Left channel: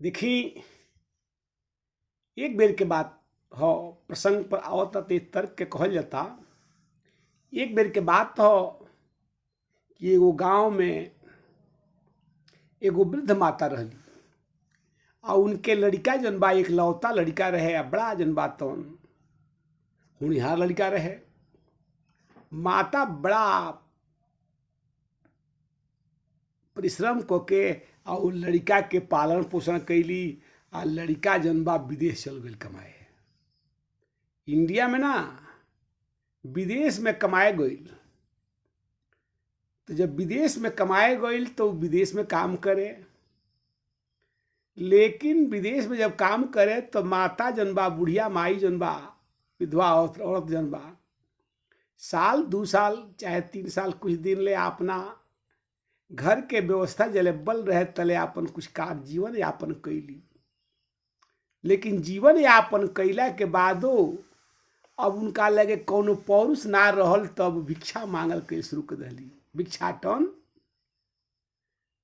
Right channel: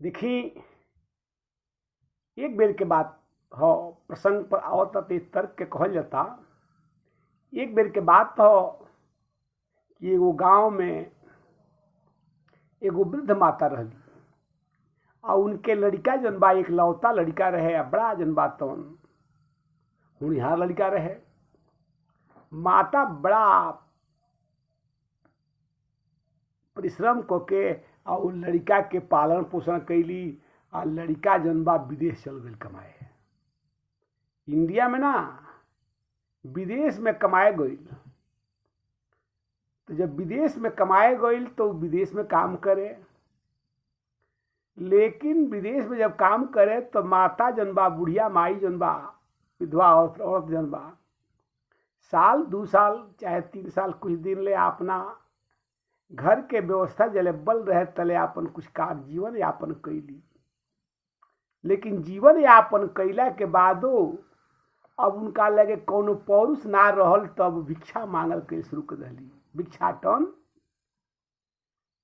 देखी एक बेर के बात हो, प्रसंग पर आवता ते तर्क के कहल जाता। एक बेर के बात हो कि एगो गांव में एगो वृद्ध माता रहली आ उनके लड़का जन बा इकलौता लड़का रहे आ बड़ा जन बा तौन होनहार लड़का रहे। माता बड़ा परिश्रम करके आ उ लड़का के पालन पोषण कैली आ लड़का जन बा विदेश चल गई कमाए। इंडिया में ना विदेश में कमाए गईल, तो जब विदेश में कमाए गईल तो विदेश में काम करे, लेकिन विदेश में जब काम करे तो माता जन बा बुढ़िया माई जन बा विधवा औरत जन बा साल 2 साल चाहे 3 साल कुछ दिन ले अपना घर के व्यवस्था जले बल रहे तले अपन कुछ कार्य जीवन यापन कैली। लेकिन जीवन यापन कैला के बादो अब उनका लगे कोनो पौरुष ना रहल, तब भिक्षा मांगल के शुरू कर दिली, भिक्षाटन।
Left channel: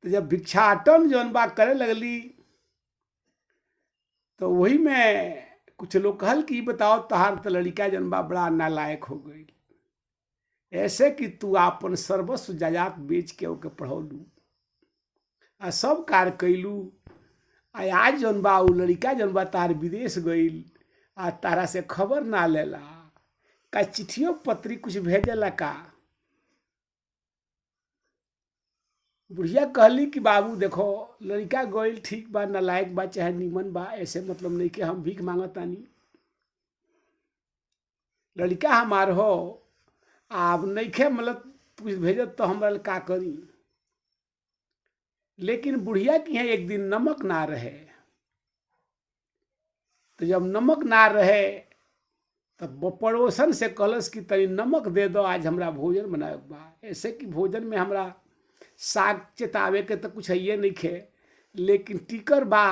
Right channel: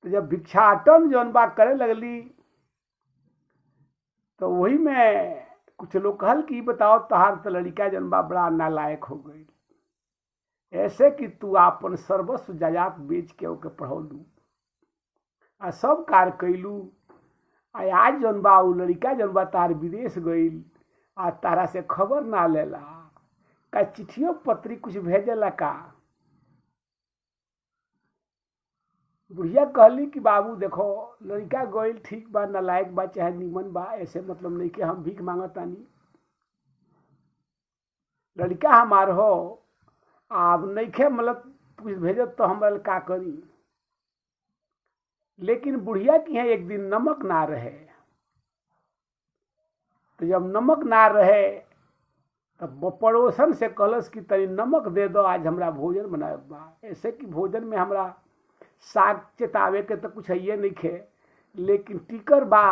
तो जब भिक्षाटन जौन बा करे लगली तो वही में कुछ लोग कहल कि बताओ तहार तो लड़का जौन बा बड़ा नालायक हो गई, ऐसे कि तू आपन सर्वस्व जायदाद बेच के ओके पढ़ौलू आ सब कार्य कैलू आ आज जौन बा उ लड़का जौन बा तार विदेश गईल आ तारा से खबर ना लेला, का चिट्ठियों पत्री कुछ भेजेला का। बुढ़िया कहली कि बाबू देखो लड़का गईल ठीक बा, नालायक बा चाहे निमन बा, ऐसे मतलब नहीं कि हम भीख मांगतानी। लड़का हमार हो आप नइखे मतलब कुछ भेजत तो हमरा का करी। लेकिन बुढ़िया की है एक दिन नमक ना रहे, तो जब नमक ना रहे तब पड़ोसन से कहलस कि तनी नमक दे दो, आज हमरा भोजन बनाए बा। ऐसे कि भोजन में हमरा साग चेतावे के तो कुछ है नहीं खे, लेकिन टिकर बा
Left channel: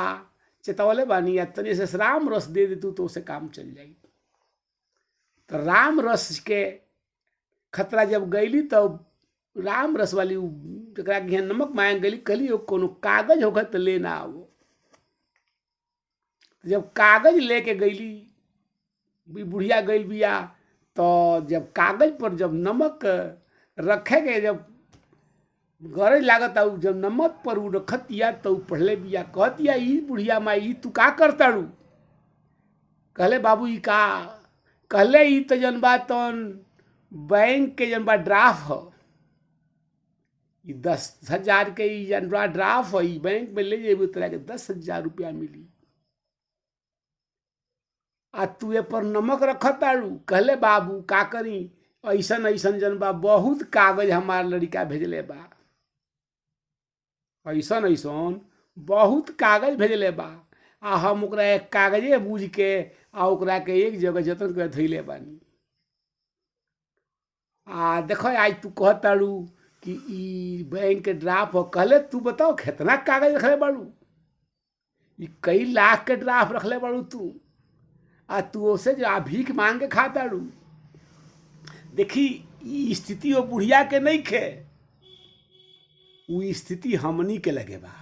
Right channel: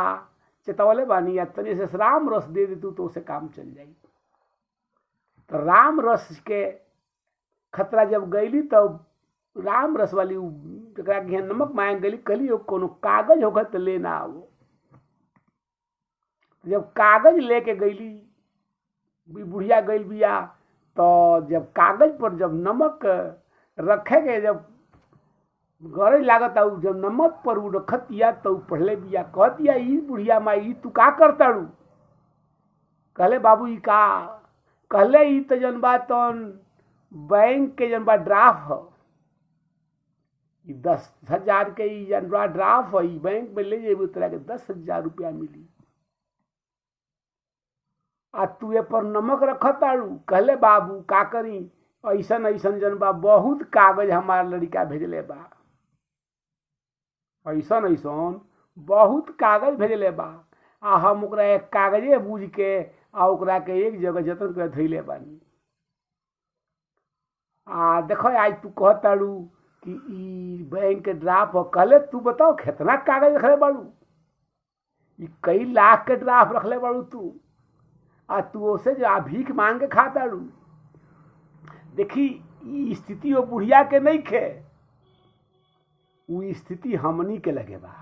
चेतावले बानी या तनी से राम रस दे दे तू तो उसे काम चल जाई। तो राम रस के खतरा जब गईली तब राम रस वाली जरा नमक मांग गई, कहली कोनो कागज होगा तो लेना आओ। जब कागज लेके गईली बुढ़िया गई बिया, तो जब कागज पर जब नमक रखे के जब गरज लागत आउ जब नमक पर उ रखतिया तो पढ़ले बिया, कहतिया ई बुढ़िया माई तू का करताड़ू। कहले बाबू ई का, कहले ई तो जन बा तन बैंक के जन बा ड्राफ्ट हो, 10,000 के ई जन बा ड्राफ्ट हो, ई बैंक में ले जेबू तोरा के 10,000 रुपया मिली आ तू ए पर नमक रखताड़ू। कहले बाबू का करी, ऐसन ऐसन जन बा बहुत कागज हमार लड़का भेजले बा, ऐसन ऐसन बहुत कागज भेजले बा आ हम ओकरा एक कागजे बूझ के आ ओकरा के एक जगह जतन कर धैले बानी। आ देखो आज तू कहताड़ू कि ई बैंक के ड्राफ्ट हो, कहले तू बताओ कितना कागज रखले बाड़ू, ई कई लाख के ड्राफ्ट रखले बाड़ू तू, आ तू उसे जो भीख मांग के खाताड़ू। देखी ई स्थिति वो बुढ़िया के नहीं खे, वो स्थिति हमनी के लगे बा।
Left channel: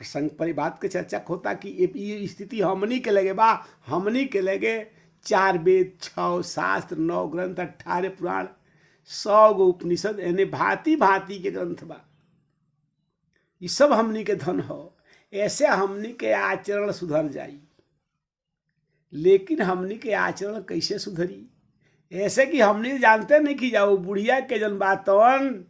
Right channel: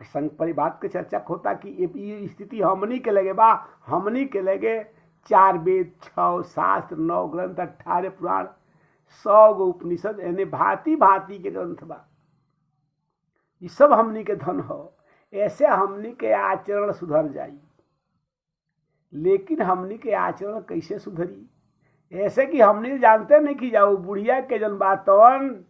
प्रसंग पर बात के चर्चा होता कि ये स्थिति हमनी के लगे बा, हमनी के लगे 4 वेद 6 शास्त्र 9 ग्रंथ 18 पुराण 100 गो उपनिषद यानी भांति भांति के ग्रंथ बा, ये सब हमनी के धन हो। ऐसे हमनी के आचरण सुधर जाई, लेकिन हमनी के आचरण कैसे सुधरी, ऐसे कि हमनी जानते नहीं कि जाओ बुढ़िया के जन बातन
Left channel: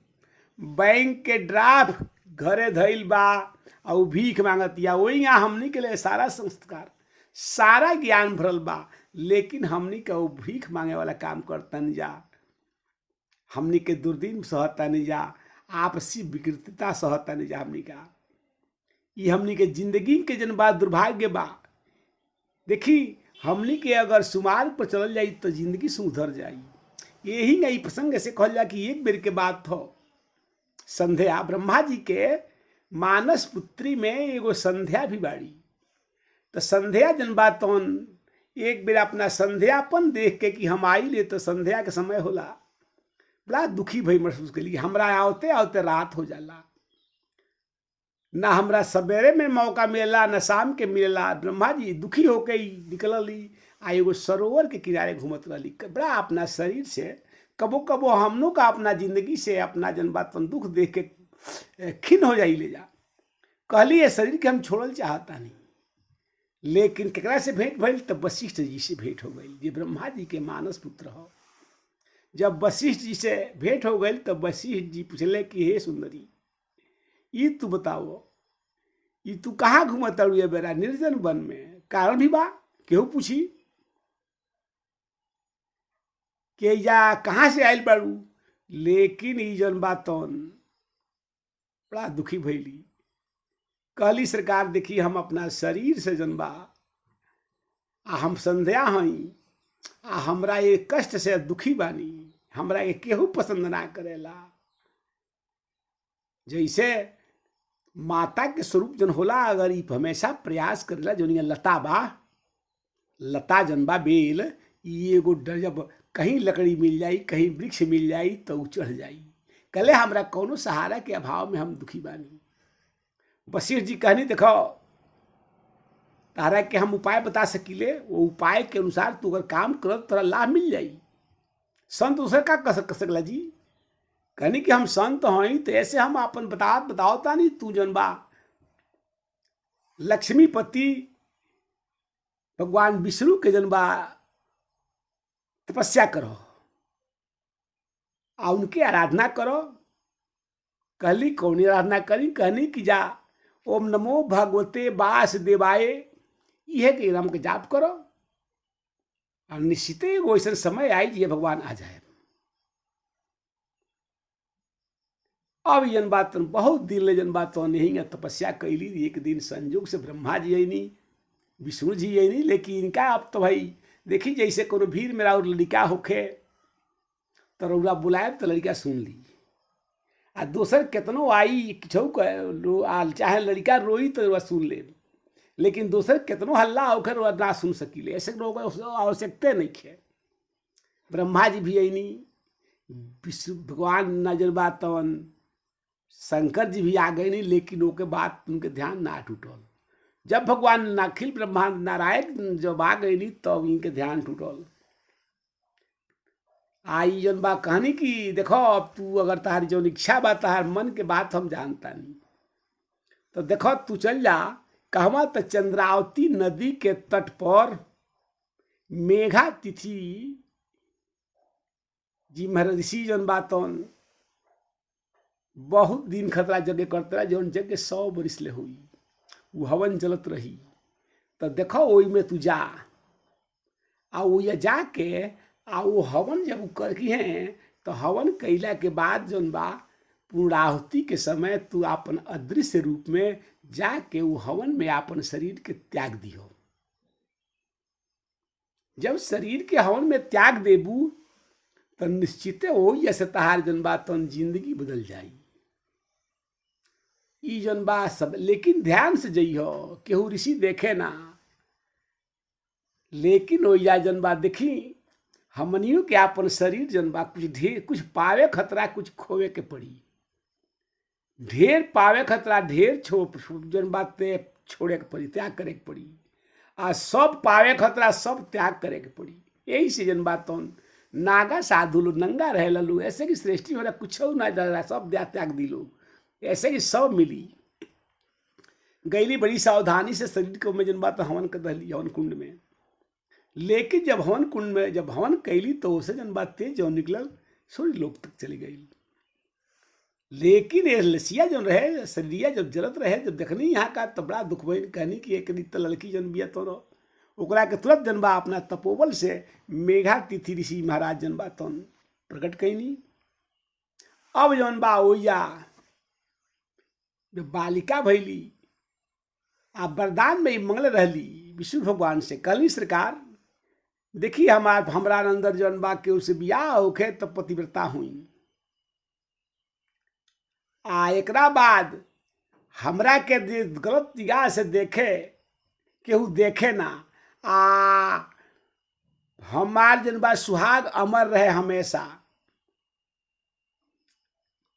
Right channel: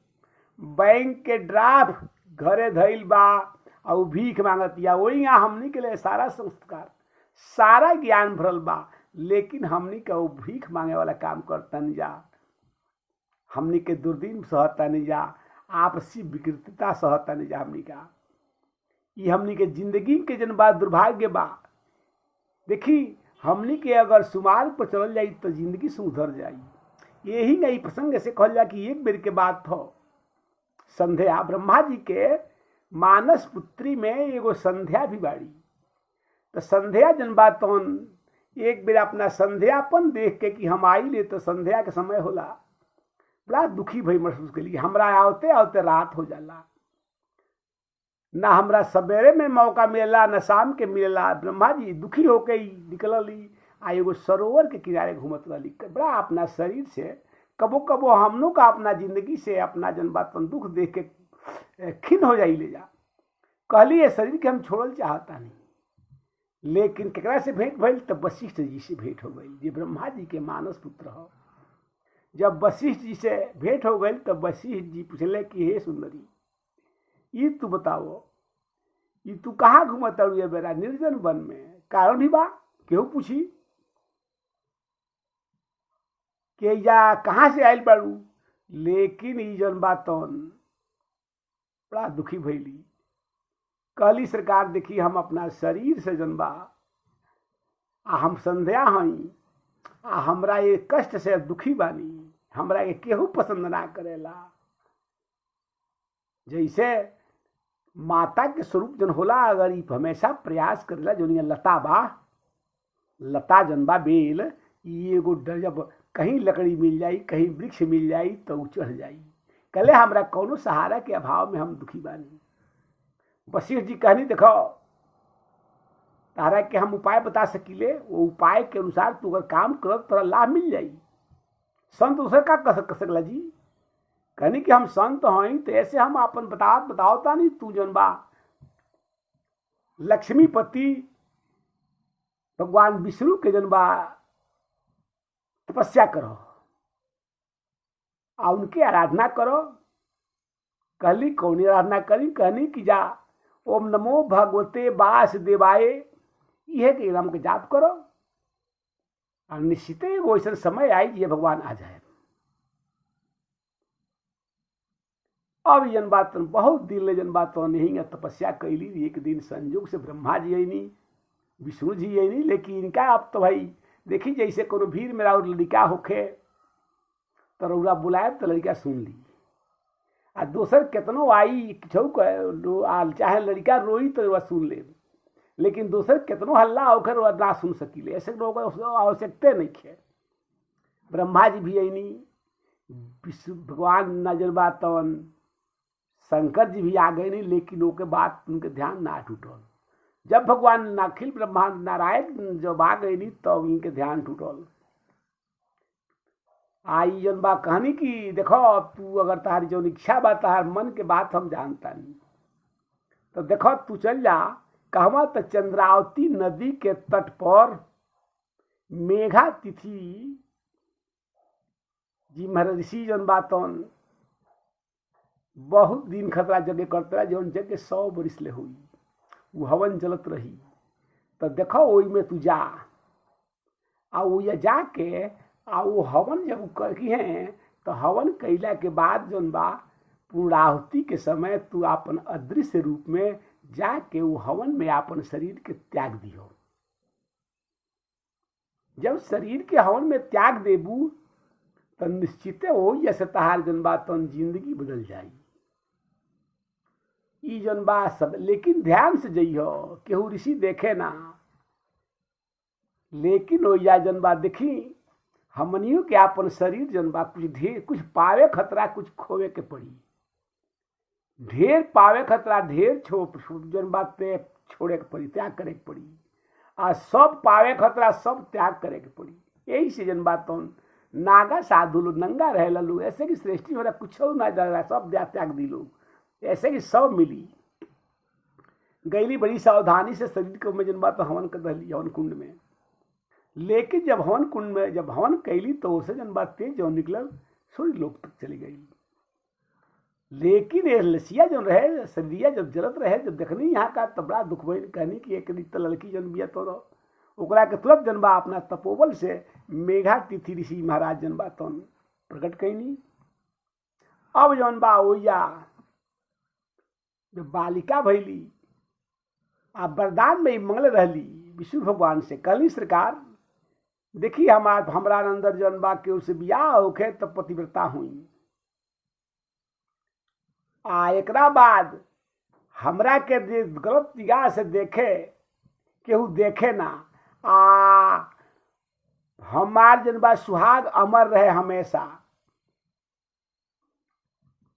बैंक के ड्राफ्ट घरे धैल बा और भीख मांगतिया, वही यहाँ हमनी के लिए सारा संस्कार सारा ज्ञान भरल बा, लेकिन हमनी के वो भीख मांगे वाला काम करता नहीं जा, हमनी के दुर्दिन सहता नहीं जा, आपसी विकृतता सहता नहीं जा। हमनी का ये हमनी के जिंदगी के जन बा दुर्भाग्य बा। देखी हमनी के अगर सुमार्ग पर चल जाई तो जिंदगी सुधर जाई। यही नहीं प्रसंग से कहल जा कि एक बेर के बात हो, संध्या ब्रह्मा जी के मानस पुत्री में एगो संध्या भी बाड़ी। तो संध्या जन बातन एक बेर अपना संध्यापन देख के कि हम आई ले तो संध्या के समय होला, बड़ा दुखी भई महसूस करी, हमरा आवते आवते रात हो जाला। ना हमरा सवेरे में मौका मिलेला न शाम के मिलेला। ब्रह्मा जी दुखी होके ही निकलली आ एगो सरोवर के किनारे घूमत रहली। बड़ा अपना शरीर से कबो कबो हमनों का अपना जिंदगी से अपना जन बात दुख देख के खिन्न हो जाई ले जा। कहली ये शरीर के हम छोड़ल चाहता नहीं, लेकिन केकरा से भेंट भइल तब वशिष्ठ जी से भेंट हो गई, जे ब्रह्मा जी के मानस पुत्र हो। जब वशिष्ठ जी से भेंट हो गई तब वशिष्ठ जी पूछले कि हे सुंदरी, ई तू बताओ, ई तू कहाँ घूमत ये बेरा निर्जन वन में? कारण भी बा? केहू पूछी कि या कहाँ से आयल बाड़ू? लेकिन ई जन बातन बड़ा दुखी भैली। कहली सरकार देखी हम अपना शरीर से जनबा आ हम संध्या हई आ हमरा ये कष्ट से दुखी बानी, हमरा ये केहू पसंद ना करेला। जैसे माता के स्वरूप जन होला, अगर ई हमेशा प्रयास करेला, जो लता बा, लता जनबा बेल, ई एगो जब कहीं लकड़ी मिल जाई, कहीं वृक्ष मिल जाई तो चढ़ जाई। कले हमरा कौनो सहारा के अभाव में हम दुखी बानी। वशिष्ठ जी कहनी देखो तारा के हम उपाय बता सकीले, वो उपाय के अनुसार तू अगर काम कर तोरा लाभ मिल जाई। संत दूसरे का कर सकला जी? कहनी कि हम संत हई तो ऐसे हम अपन बताओता नहीं। तू जन बा लक्ष्मीपति भगवान विष्णु के जन बा तपस्या करो आ उनके आराधना करो। कहली कौन आराधना करी? कहनी कि जा ओम नमो भगवते वासुदेवाय यह के नाम के जाप करो और निश्चित वो ऐसा समय आई ये भगवान आ जाए। अब जन बात बहुत दिन ले जन बात नहीं तपस्या कैली। एक दिन संयोग से ब्रह्मा जी आईनी, विष्णु जी आईनी, लेकिन इनका अब तो भाई देखी जैसे कोनो भीड़ में और लड़का होखे तो रौरा बुलाए तो लड़का सुन ली, आ दोसर केतनो आई चाहे लड़का रोई तो वह सुन ले, लेकिन दोसर केतनो हल्ला होकर वह ना सुन सकीले। ऐसे लोग आवश्यकता नहीं है। ब्रह्मा जी भी आईनी, विष्णु भगवान नजर बातन, शंकर जी भी आ गए नहीं, लेकिन ओके बात उनके ध्यान ना टूटल। जब भगवान अखिल ब्रह्मांड नारायण जब आ गए नहीं तब तो इनके ध्यान टूटल। आई जन बा कहनी कि देखो अब तू अगर तारी जो इच्छा बा, तार मन के बात हम जानता नहीं, तो देखो तू चल जा कहवा तो चंद्रावती नदी के तट पर मेघा तिथि जी महर्षि जन बातन बहुत दिन खतरा जगह करते रहा, जौन जगह 100 बरिस ले हुई वो हवन जलत रही। तो देखो वही में तू जा आ वो जाके आ वो हवन जब करकी है तो हवन कैला के बाद जौन बा पूर्णाहुति के समय तू अपन अदृश्य रूप में जाके वो हवन में अपन शरीर के त्याग दियो। जब शरीर के हवन में त्याग देबू तो निश्चित हो जैसे तहार जन बा तो जिंदगी बदल जाई। ई जन बा सब, लेकिन ध्यान से जइयो, केहू ऋषि देखे ना, लेकिन वो या जन बा देखी हमनियों के अपन शरीर जन बा कुछ पावे खतरा, कुछ खोवे के पड़ी। ढेर पावे खतरा, ढेर जन बात छोड़े के पड़ी, त्याग करे के पड़ी, आ सब पावे खतरा सब त्याग करे के पड़ी। यही से जन बात नागा साधु लोग नंगा रहे ललू, ऐसे कि श्रेष्ठी हो रहा कुछ ना डरा, सब त्याग दी लोग, ऐसे कि सब मिली गईली बड़ी सावधानी से शरीर को में जन बात हवन कर दहली हवन कुंड में। लेकिन जब हवन कुंड में जब हवन कैली तो उसे जन बात तेज जो निकल सूर्य लोक तक चली गई। लेकिन ये लसिया जो रहे शरीरिया जब जलत रहे, जब देखनी यहाँ का तो बड़ा दुख भइल। कहनी कि एक लड़की जन बिया तो ओकरा के तुरंत जनबा अपना तपोबल से मेघा तिथि ऋषि महाराज जनबा तन प्रकट कैनी। अब जौन बा ओया जब बालिका भैली आ वरदान में मंगल रहली विष्णु भगवान से, कहली सरकार देखी हमरा अंदर जौन बा के उसे बियाह होखे तो पतिव्रता हुई, आ एकरा बाद हमरा के गलत निगाह से देखे केहू देखे ना, आ हमार जन बा सुहाग अमर रहे हमेशा।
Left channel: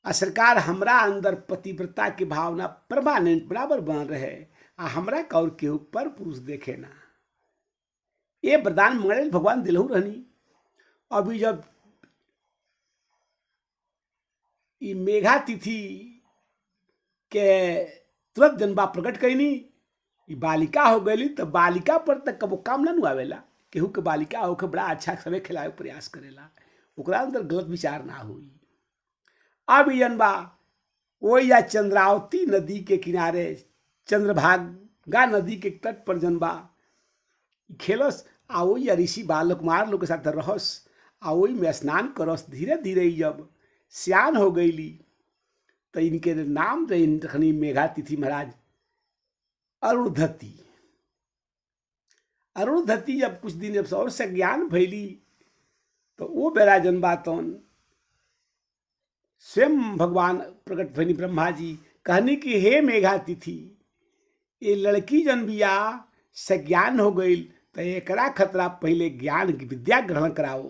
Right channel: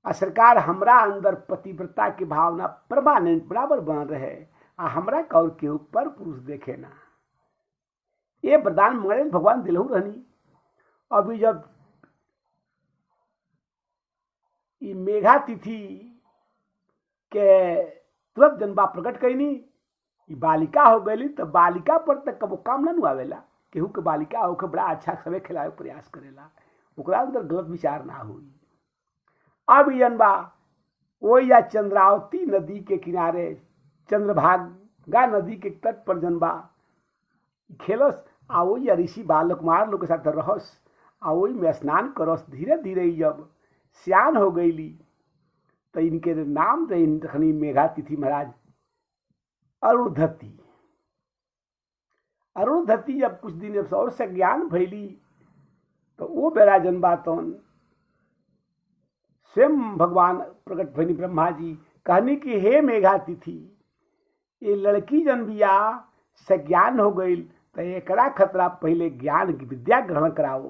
आ सरकार हमरा अंदर पतिव्रता की भावना परमानेंट बराबर बन रहे आ हमरा का और केहू पर पुरुष देखे ना। ये वरदान मंगल भगवान दिलहू रहनी। अभी जब ई मेघा तिथि के तुरंत जनबा प्रकट कैनी, ई बालिका हो गई तो बालिका पर तक कबो काम ना आवेला। केहू के बालिका होके बड़ा अच्छा समय खिलावे प्रयास करेला, ओकरा अंदर गलत विचार ना हुई। अब जनबा वही या चंद्रावती नदी के किनारे चंद्रभागा नदी के तट पर जनबा खेलस आ वही या ऋषि बाल कुमार लोग के साथ रहस आ वही में स्नान करस। धीरे धीरे जब सियान हो गईली तो इनके नाम रखनी मेघा तिथि महाराज अरुणधति। अरुणधति जब कुछ दिन जब और से ज्ञान भैली तो वो बेरा जनबा तौन स्वयं भगवान प्रकट भैनी ब्रह्मा जी कहनी कि हे मेघा तिथि, ये लड़की जन बिया से ज्ञान हो गई तो एकरा खतरा पहले ज्ञान की विद्या ग्रहण कराओ।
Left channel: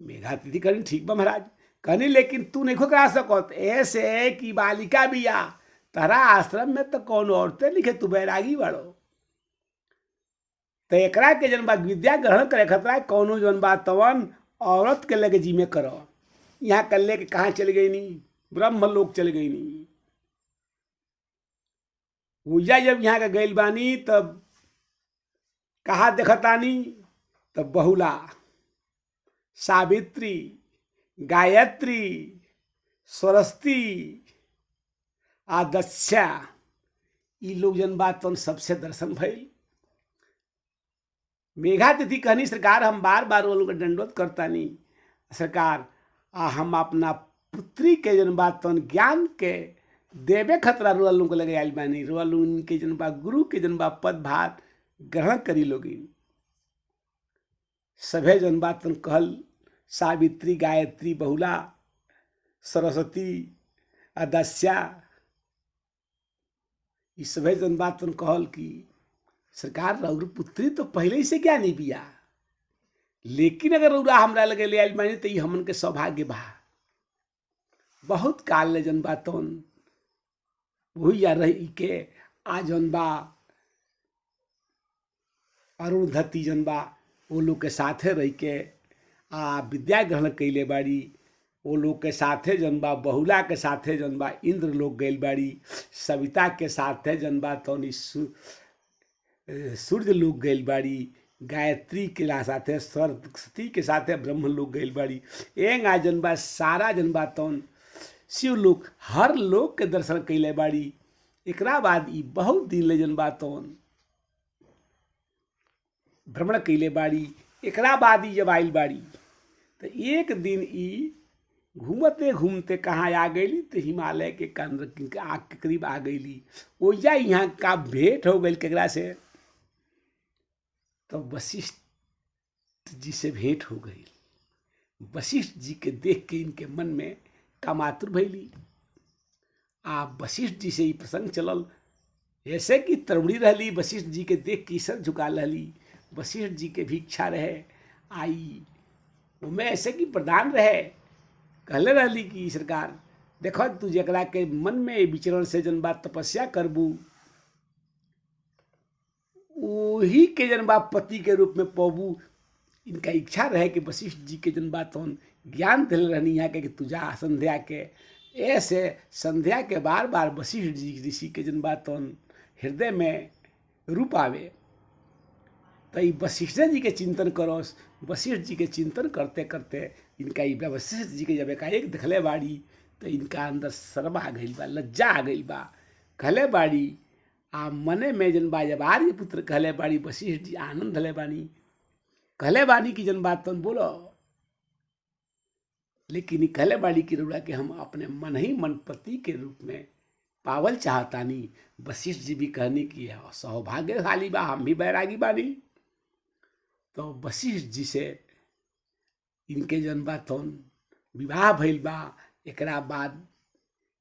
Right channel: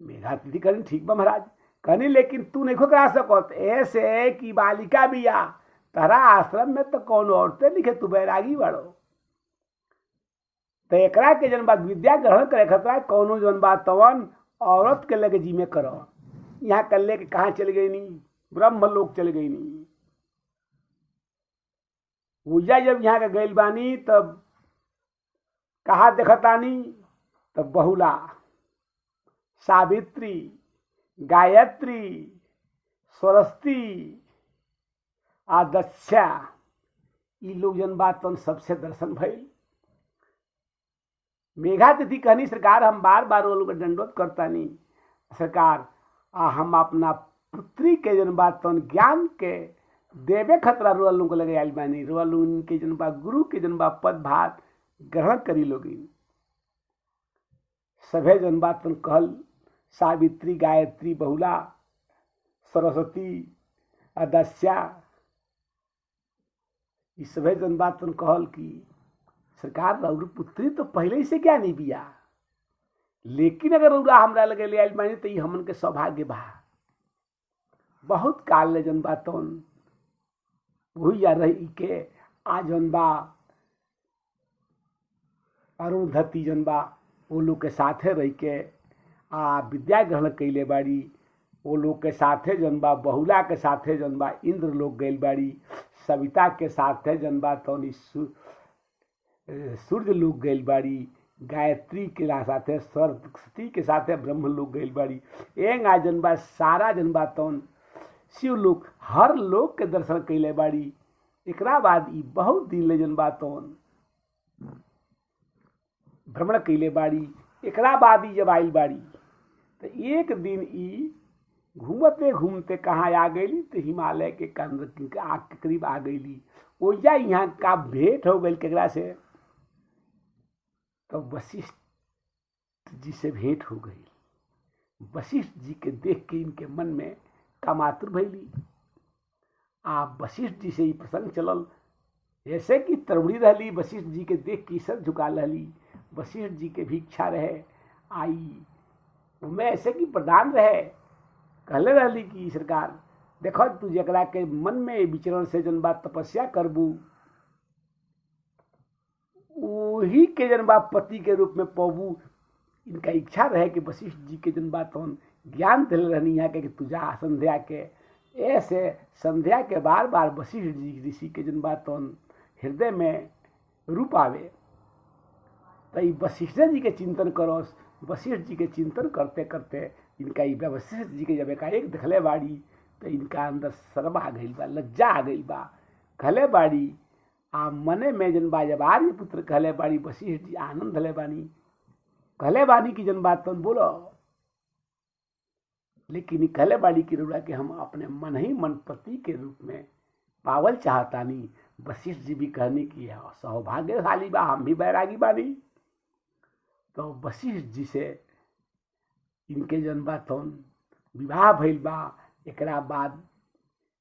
मेघा तिथि कहनी ठीक बा महाराज। कहनी लेकिन तू नहीं करा सकत, ऐसे कि बालिका बिया तारा आश्रम में तो कौन औरतें लिखे, तू बैरागी बड़ो तो एकरा के जनबा विद्या ग्रहण करे खतरा कौनो जनबा तवन औरत के लगे जिम्मे करो। यहाँ कर ले के कहाँ चल गई नहीं, ब्रह्म लोग चल गई नहीं। पूजा जब यहाँ का गैल बानी तब कहा देखतानी तब बहुला, सावित्री, गायत्री, सरस्वती, आदस्या, ये लोग जनबा तन सबसे दर्शन भइल। मेघा तिथि कहनी सरकार हम बार बार वो लोग दंडोत करता नहीं सरकार, हम अपना पुत्री के जनबा तन ज्ञान के देवे खतरा रुआ लोग लगे आयल बानी। रुआ लोग उनके जनबा गुरु के जनबा पद भार ग्रहण करी लोगी। सभे जनबा तन कहल सावित्री, गायत्री, बहुला, सरस्वती, अदस्या, ये सभे जनबा तन कहल कि सरकार रउर पुत्री तो पहले ही से क्या नहीं बिया, लेकिन अगर रउरा हमरा लगे ले आयल बानी तो ये हमन के सौभाग्य बा। बहुत काल ले जनबा तौन वही या रही के आ जनबा अरुणधति जनबा वो लोग के साथे रह के आ विद्या ग्रहण कैले बाड़ी। वो लोग के साथे जनबा बहुला के साथे जनबा इंद्र लोग गैल बाड़ी, सविता के साथे जनबा तौन सूर्य लोग गैल बाड़ी, गायत्री के साथे सरस्वती के साथे ब्रह्म लोग गैल बाड़ी। एंग आ जनबा सारा जनबा तौन शिव लोग हर लोग के दर्शन कैले बाड़ी। एकरा बाद ई बहुत दिन ले जनबा तौन भ्रमण कैले बाड़ी। एकरा बाद ई जब आइल बाड़ी तो एक दिन ई घूमते घूमते कहाँ आ गई तो हिमालय के केंद्र के आग के करीब आ गई। ओजा यहाँ का भेंट हो गई केकरा से, तो वशिष्ठ जी से भेंट हो गई। वशिष्ठ जी के देख के इनके मन में कामातुर भैली। आ वशिष्ठ जी से ही प्रसंग चलल, ऐसे कि तरुणी रहली वशिष्ठ जी के देख के सर झुका रहली। वशिष्ठ जी के भी इच्छा रहे आई उनमें ऐसे कि प्रदान रहे, कहले रहली कि सरकार देखो तू जकरा के मन में विचरण से जनबा तपस्या करबू वही के जनबा पति के रूप में पबू। इनका इच्छा रहे कि वशिष्ठ जी के जनबा तौन ज्ञान दिल रहनी यहाँ के कि तुझा संध्या के। ऐसे संध्या के बार बार वशिष्ठ जी ऋषि के जनबा तौन हृदय में रूप आवे तो वशिष्ठ जी के चिंतन करो। वशिष्ठ जी के चिंतन करते करते इनका वशिष्ठ जी के जब एकाएक देखले बाड़ी तो इनका अंदर शर्म आ गई बा, लज्जा आ गई बा। कहले बाड़ी आ मने में जनबा जब आर्य पुत्र कहले बाड़ी वशिष्ठ जी आनंद हले बानी। कहले बानी की जनबा तुम बोलो, लेकिन कहले बाड़ी की रुड़ा के हम अपने मन ही मन पति के रूप में पावल चाहतानी। वशिष्ठ जी भी कहनी की सौभाग्यशाली बा, हम भी बैरागी बानी। तो वशिष्ठ जी से इनके जनबा तौन विवाह भइल बा। एकरा बाद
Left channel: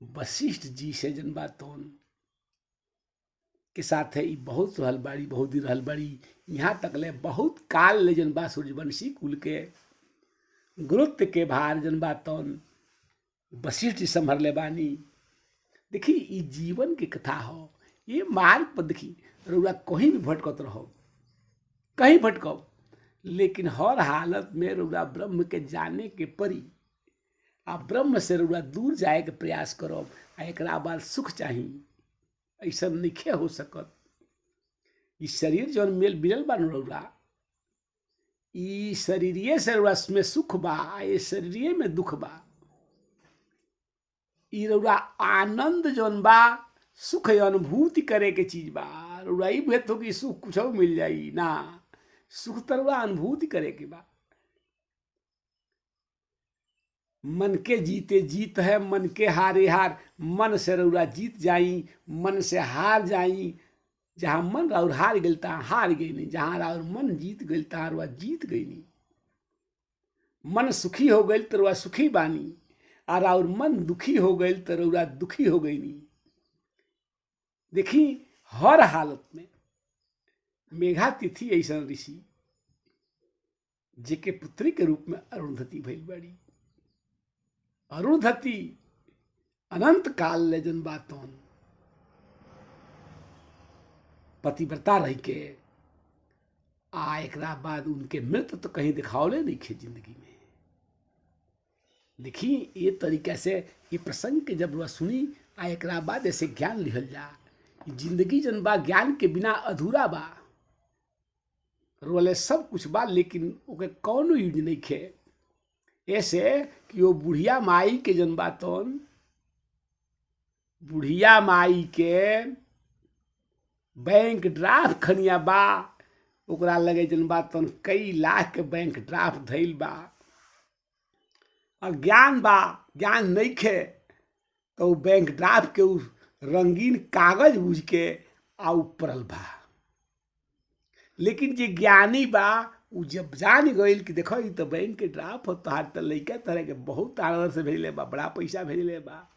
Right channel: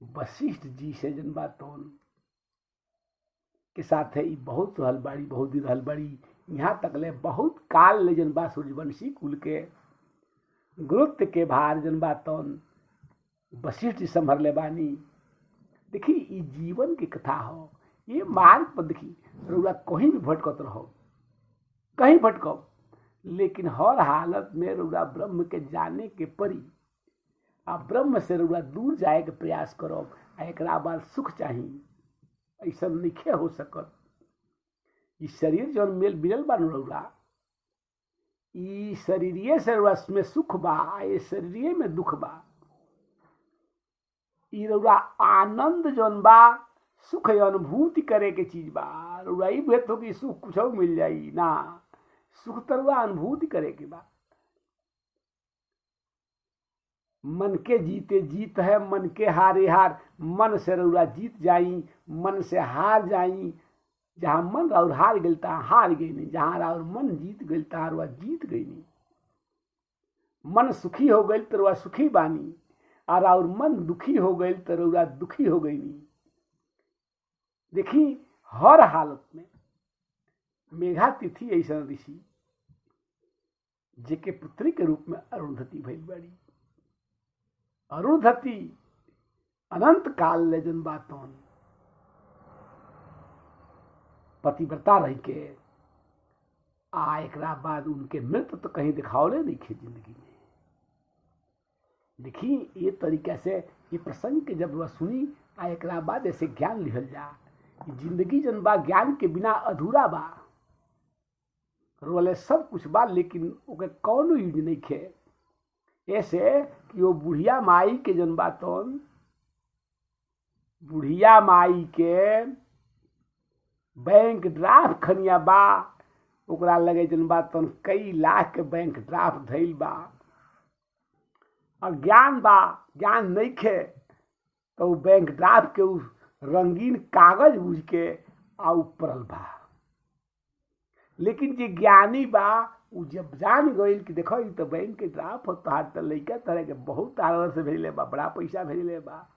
वशिष्ठ जी से जनबा तौन के साथ है बहुत रहल बाड़ी, बहुत दिन रहल बाड़ी। यहाँ तक ले बहुत काल ले जनबा सूर्यवंशी कुल के गुरुत्व के भार जनबा तौन वशिष्ठ जी संभरले बानी। देखी ई जीवन की कथा हो, ये मार्ग पर देखी रउआ कहीं भी भटकत रहो, कहीं भटको, लेकिन हर हालत में रउआ ब्रह्म के जाने के परी। आ ब्रह्म से रउआ दूर जाए के प्रयास करो, आ एकरा बाद सुख चाहिए, ऐसा नहीं हो सकत। ई शरीर जौन मेल मिलल बा रउआ, ई शरीरिये से रउआ में सुख बा, ये शरीरिये में दुख बा। ई रउआ आनंद जौन बा, सुख अनुभूति करे के चीज बा। रउआ ई भेत हो कि सुख कुछ मिल जाई ना, सुख तो रउआ अनुभूति करे के बा। मन के जीते जीत है, मन के हारे हार। मन से रउआ जीत जाई, मन से हार जाई। जहाँ मन राउर हार गई तहाँ हार गई नहीं, जहाँ राउर मन जीत गई तहाँ रउआ जीत गई नहीं। मन सुखी हो गई तो रउआ सुखी बानी, और राउर मन दुखी हो गई तो रउआ दुखी हो गई नहीं। देखी हर हालत में मेघा तिथि ऐसा ऋषि जेके पुत्री के रूप में अरुंधति भइल बड़ी। अरुंधति अनंत काल ले जन बातों पतिव्रता रही के आ एकरा बाद उनके मृत्यु तो कहीं दिखावले नहीं खे जिंदगी में। देखी ये तरीके से ये प्रसंग के जब वह सुनी आ एकरा बाद ऐसे ज्ञान लिहल जा, जिंदगी जन बा ज्ञान के बिना अधूरा बा। रोले सब कुछ बा लेकिन ओके कौनो यूज नहीं खे। ऐसे कि वो बुढ़िया माई के जन बातन, बुढ़िया माई के बैंक ड्राफ्ट खनिया बा, ओकरा लगे जन बातन कई लाख के बैंक ड्राफ्ट धइल बा। और ज्ञान बा, ज्ञान नहीं खे तो बैंक ड्राफ्ट के उस रंगीन कागज बुझ के आ पड़ल बा। लेकिन जे ज्ञानी बा उ जब जान गई कि देखो ये तो बैंक के ड्राफ्ट हो, तोहार तो लइका तरह के बहुत आनंद से भेजले बा, बड़ा पैसा भेजले बा,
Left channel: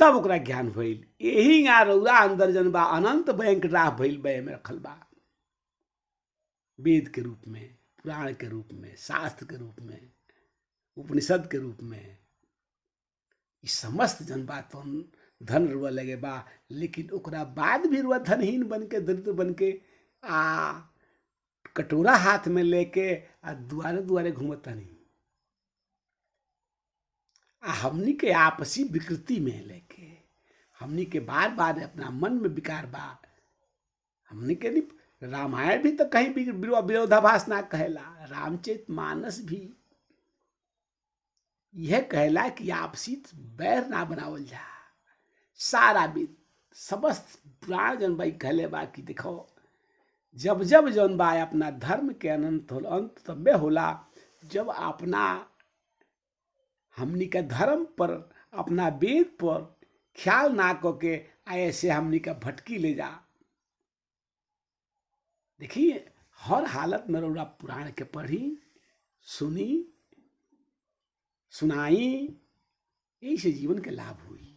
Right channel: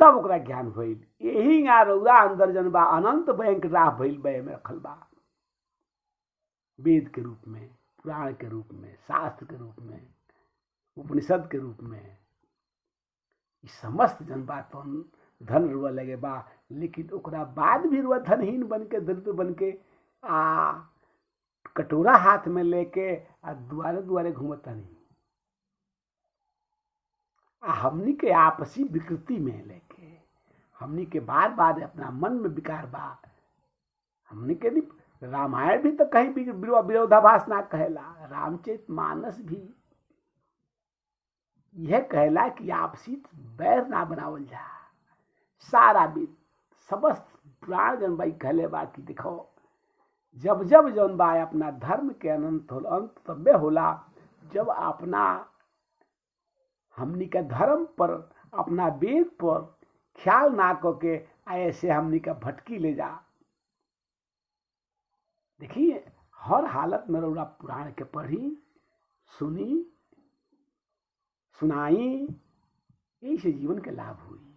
तब ओकरा ज्ञान भइल। यही रउरा अंदर जन बा अनंत बैंक ड्राफ्ट भइल बे में रखल बा, वेद के रूप में, पुराण के रूप में, शास्त्र के रूप में, उपनिषद के रूप में। इस समस्त जन बातन धन रुआ लगे बा, लेकिन ओकरा बाद भी रुआ धनहीन बन के, दरिद्र बन के आ कटोरा हाथ में लेके आ दुआरे दुआरे घूमता नहीं। हमनी के आपसी विकृति में लेके, हमनी के बार बार अपना मन में विकार बा। हमनी के नहीं, रामायण भी तो कहीं विरोधाभास ना कहला, रामचरित मानस भी यह कहला कि आपसी बैर ना बनावल जा। सारा विद समस्त पुराण जन बाई कहले बा कि देखो जब जब जौन बा अपना धर्म के अंत तब्बे होला जब अपना हमनी का धर्म पर, अपना वेद पर ख्याल ना करके ऐसे हमनी का भटकी ले जा। देखिए हर हालत में रउरा पुराण के पढ़ी, सुनी, सुनाई, यही से जीवन के लाभ हुई।